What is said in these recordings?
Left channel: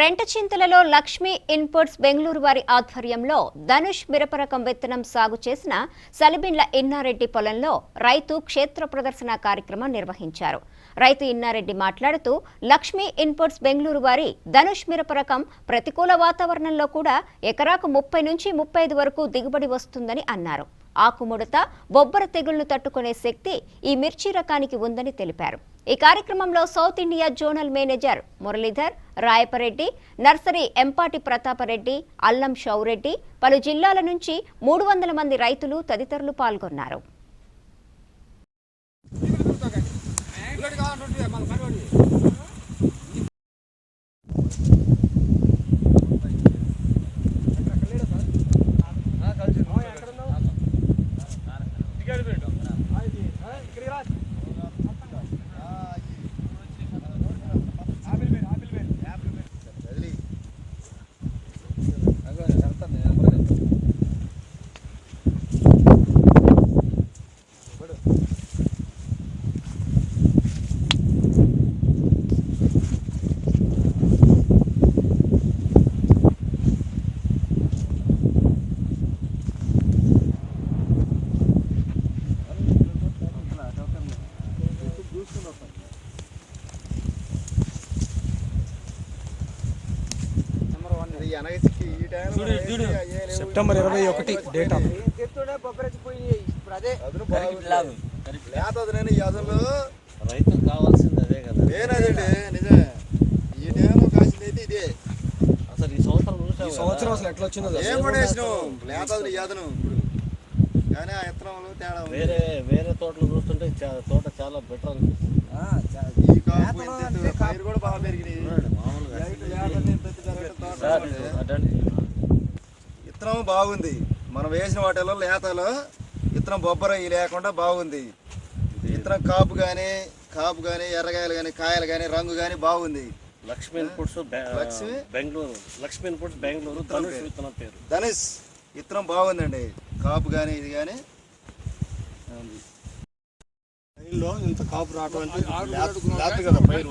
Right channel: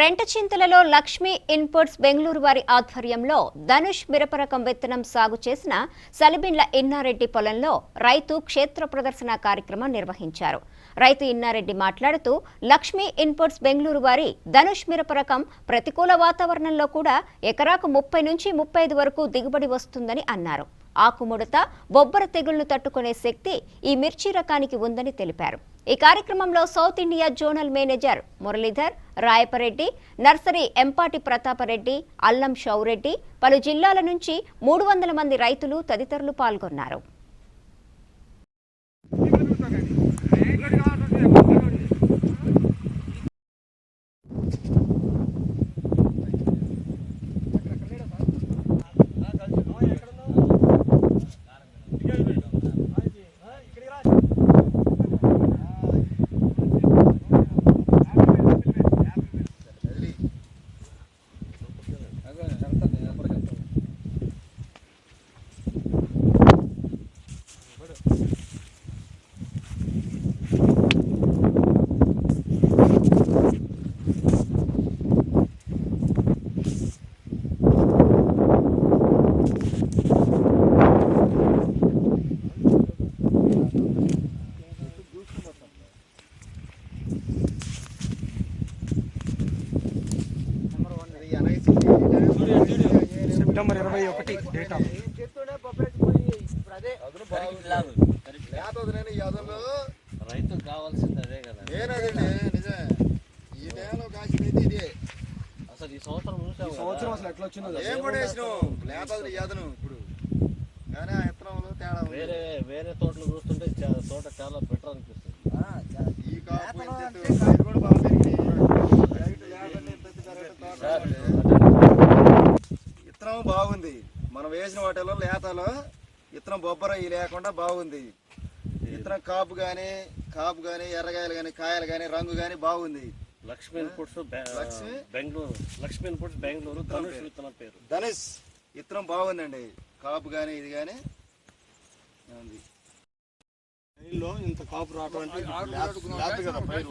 రెంటచింతలలో Lakshmi inputs Bengaluru వారి ఆధ్వర్యంలో ధనుష్ మిరపరకం విత్తనం సాగు చేసిన సలిబిండ్ల ఇన్నారెడ్డి పొలంలో రైతు క్షేత్ర ప్రదర్శన కార్యక్రమం నిర్వహించారు. రైతు ఇన్నారెడ్డి మాట్లాడుతూ లక్ష్మీ ఇన్పుట్స్ బెంగళూరు వారి ధనుష్ మిరపరకం ప్రతికూల వాతావరణంలో కూడా ఎకరాకు 30 నుంచి 35 వరకు దిగుబడి వస్తుందని అన్నారు. ఆకుముడత, బొబ్బర తెగుళ్లను తట్టుకునే శక్తి ఈ మిర్చి రకానికి ఉందని తెలిపారు. ఈ కార్యక్రమంలో south India zonal manager Muralidhar, Rayapareddy, nursery Empati Prathapareddy, Allam Shoureddy, పలు జిల్లాల నుంచి 300 మంది రైతులు తదితరులు పాల్గొన్నారు. సెప్టెంబర్ 21 డేటా రైతు కావాల్సింది అదే కదా. నిజమే. ఈ టైంలో కాసింది ఇదే. అసలు ఈ సంవత్సరం అసలు ఎట్లా వచ్చిందో ఏం కూడా వేసినావు లేతది యాదను ఇప్పుడు. కానీ ఆ ఇత్తనంలో తేడా వేరే తోటలు చూస్తుంటే తోట చాలా బెటర్ అనిపిస్తుంది. ఈ కాపు పైరు కూడా బాగా పెరిగింది. ఇత్తనం బాగుంది. మనం వేసిన వాటిలో లేతలో ఇత్తనం బొబ్బర లేకుండా బాగుంది. ఇత్తనం కాపు కానీ ఎర్రకాయలు కానీ కాయలు కానీ రంగు కానీ బాగుంది. లక్ష్మీ ఇన్పుట్స్ బెంగళూరు, లక్ష్మీ ఇన్పుట్స్ బెంగళూరు, ధనుష్ విత్తనం పేరు. ధనుష్ ఇత్తనం బాగుందండి. కాపు కానీ ఇది కానీ ఉంది. ఇంత కాపు రావడం అంటే కదా పైరు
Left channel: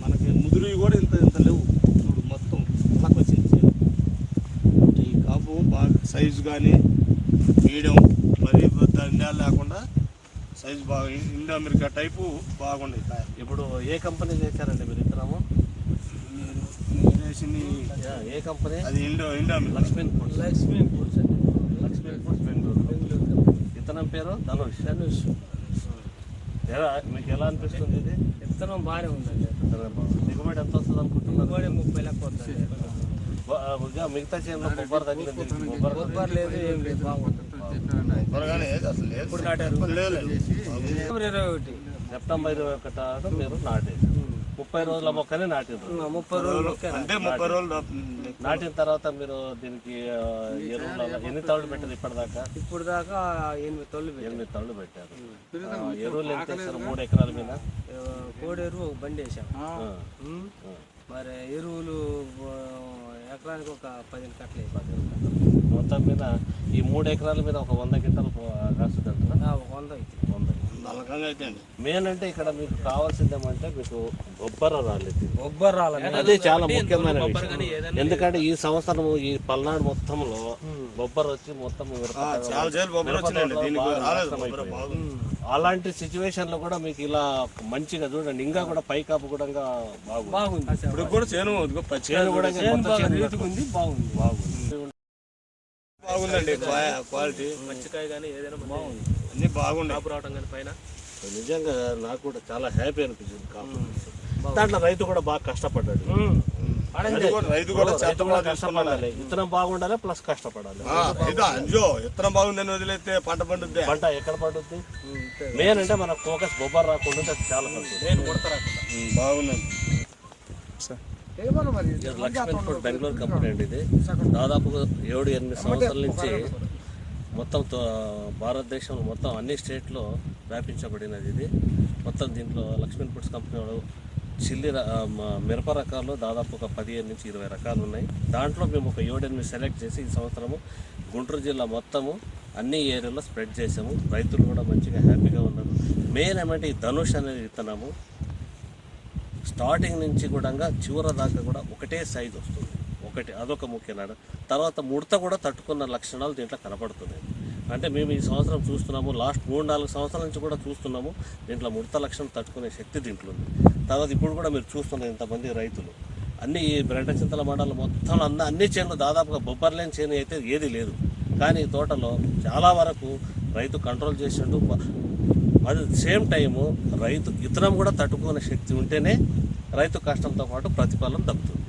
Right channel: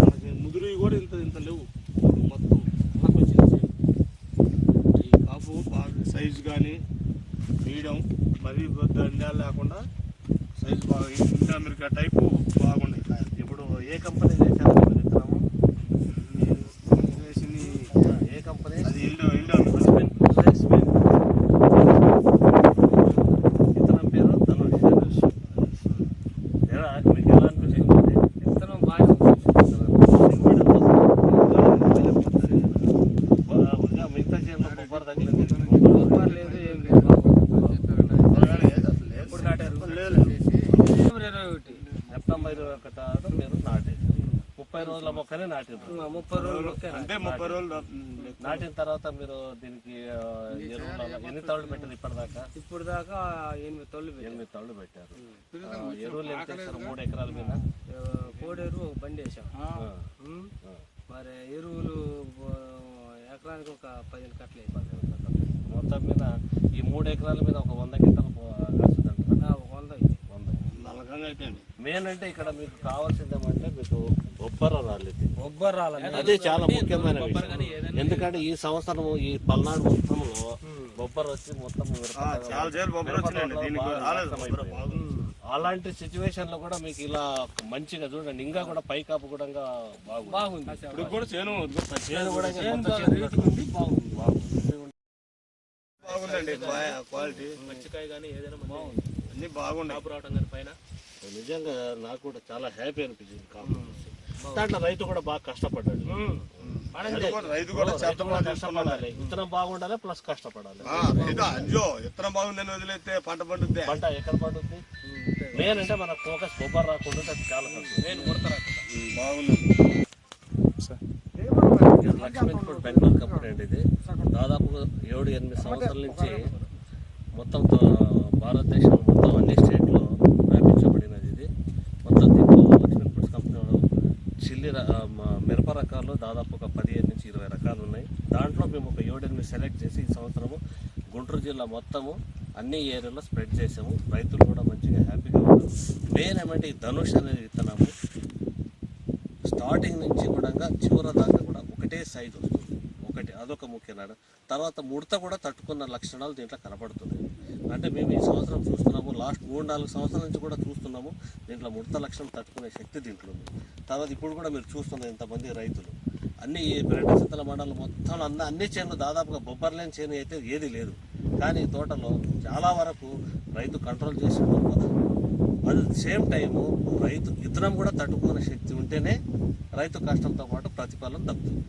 మనకి ముదురు కూడా ఇంత లేవు. మొత్తం అలాగ వచ్చింది. ఈ కాపు బాగా సైజు కానీ మీడియం, మరీ దండాలు లేకుండా సైజు బాగా ఇండో అమెరికా టైపు బాగుంది. ఇప్పుడు ఏ కంపెనీ చేశారు మీరు విత్తనము? ఏ కంపెనీ? అది ఇండో లక్ష్మీ ఇన్పుట్స్. విత్తనం పేరు ధనుష్. మీకు ఎలా అనిపిస్తుంది? ఇది విత్తనం బాగానే ఉంది. దిగుబడి ఎంత వస్తుంది? దిగుబడి 30 వస్తుంది. మిగతా చేనులో బొబ్బర తగ్గింది. బొబ్బర లేదు, ఏం లేదు, బాగుంది. ఎప్పుడు నాటారు? సెప్టెంబర్ 21 మీరు నాటేశారు. 30 రోజుల మొక్కనే నాటారు. 30 రోజులు అంటే 30 రోజులు నాటిన తర్వాత మీరు దీనికి ఎరువులు ఎన్ని తళ్ళు పెట్టారు ఇప్పటిదాకా? ఇప్పుడు దాకా 8 తళ్ళు పెట్టారు. ఎరువులు ఎంత వేసారు? 3 ఎకరాల మీద కోడి ఎరువు ఒక బండి వేసాం. మరి ఎరువులు ఎకరానికి ఒక 15 కట్టలు. మొత్తం మీద ఈ 3 ఎకరాల మీద ఒక 100 గంటలు కాస్తుందంటారా? 100 అయితే మెయిన్ అంటే ఇక్కడ మీకు కావాల్సింది ఏమంటే మీకు బొబ్బర రాలేదు. అది చాలా ముఖ్యమైన విషయం. ఎందుకంటే ఈ సంవత్సరం ఈ పల్నాడు మొత్తంలో బొబ్బర వచ్చి మొత్తం అలాంటి సిచ్యువేషన్ లో కూడా మీకు ఇలా మంచిగా చూడండి. ఇంకా కూడా పైకాపు కూడా బాగుంది. ఇప్పుడు కూడా చేను కూడా బాగుందండి. క్వాలిటీ పచ్చికాయ కానీ ఏదైనా బాగుంది. అన్ని బాగుంది. కాపు రావడం కానీ పైన నిజంగా నాకు కూడా చాలా హ్యాపీ అనిపించింది. కాపు దాంట్లో రైతు కూడా బాగా కష్టపడ్డాడు. రైతు కూడా కష్టపడాలి, విత్తనం బాగుండాలి, ప్లస్ కష్టపడాలి. విత్తనం బాగుందని వదిలేస్తే పంట పండుద్ది. పంట ఎక్కడ పండుద్ది? మెయిన్ అంటే మన ఫోకస్ బొబ్బర్ రాకుండా అది చాలా బాగుంది. లక్ష్మీ ఇన్పుట్స్ బెంగళూరు కంపెనీ అండి. ఇది దాదాపు 7-8 సంవత్సరాల నుంచి మొత్తం భారతదేశం మొత్తం అన్ని స్టేట్లో వ్యాపించబడినది. ఇది మొత్తం దీంట్లో లక్ష్మీ ఇన్పుట్స్ కంపెనీ చిల్లి మిరప రకాలు దాదాపు ఒక 15 నుంచి 20 రకాలు ఉన్నాయి. దాంట్లో మేము ఒక 7-8 సెలెక్ట్ చేసి ఈ సంవత్సరము గుంటూరు జిల్లా మొత్తము అన్ని ఏరియాలో స్ప్రెడ్ చేసాము. రైతులు కూడా మంచిగా హ్యాపీగా ఉన్నారు. మెయిన్ ఏమంటే ఈ ధనుష్ అనేది విత్తనము స్టార్టింగ్ నుంచి కూడా చివరి దాకా కూడా ఒకటే సైజు వస్తుంది, ఒకటి అదొక ముఖ్యమైన. తర్వాత ముడత కూడా తట్టుకున్న లక్షణాలు దీంట్లో కనపడుతున్నాయి. అంటే మేము ఈ సంవత్సరం చూస్తున్నాము, లాస్ట్ 3-4 సంవత్సరాల నుంచి కూడా చూస్తున్నాము, దీంట్లో ముడత లక్షణం తట్టుకునే శక్తి దీంట్లో ఉంది. తర్వాత ఇప్పుడు కూడా మీరు చూస్తున్నారు ఇంతమంది రైతులు అన్ని ఈ బ్రెండచింతల మండలం మొత్తం అన్ని చేనులు దాదాపుగా బొబ్బర్ లేని చేను అయితే ఏది లేదు. కానీ ఈ తోటలో చాలా వరకు రైతు కంట్రోల్ చేసినట్టు, అది సేమ్ టైము రైతు ఇతరం కూడా తట్టుకునే శక్తి ఉంటేనే రైతు కష్టంతో పాటు ప్రతిఫలం దక్కుతుంది.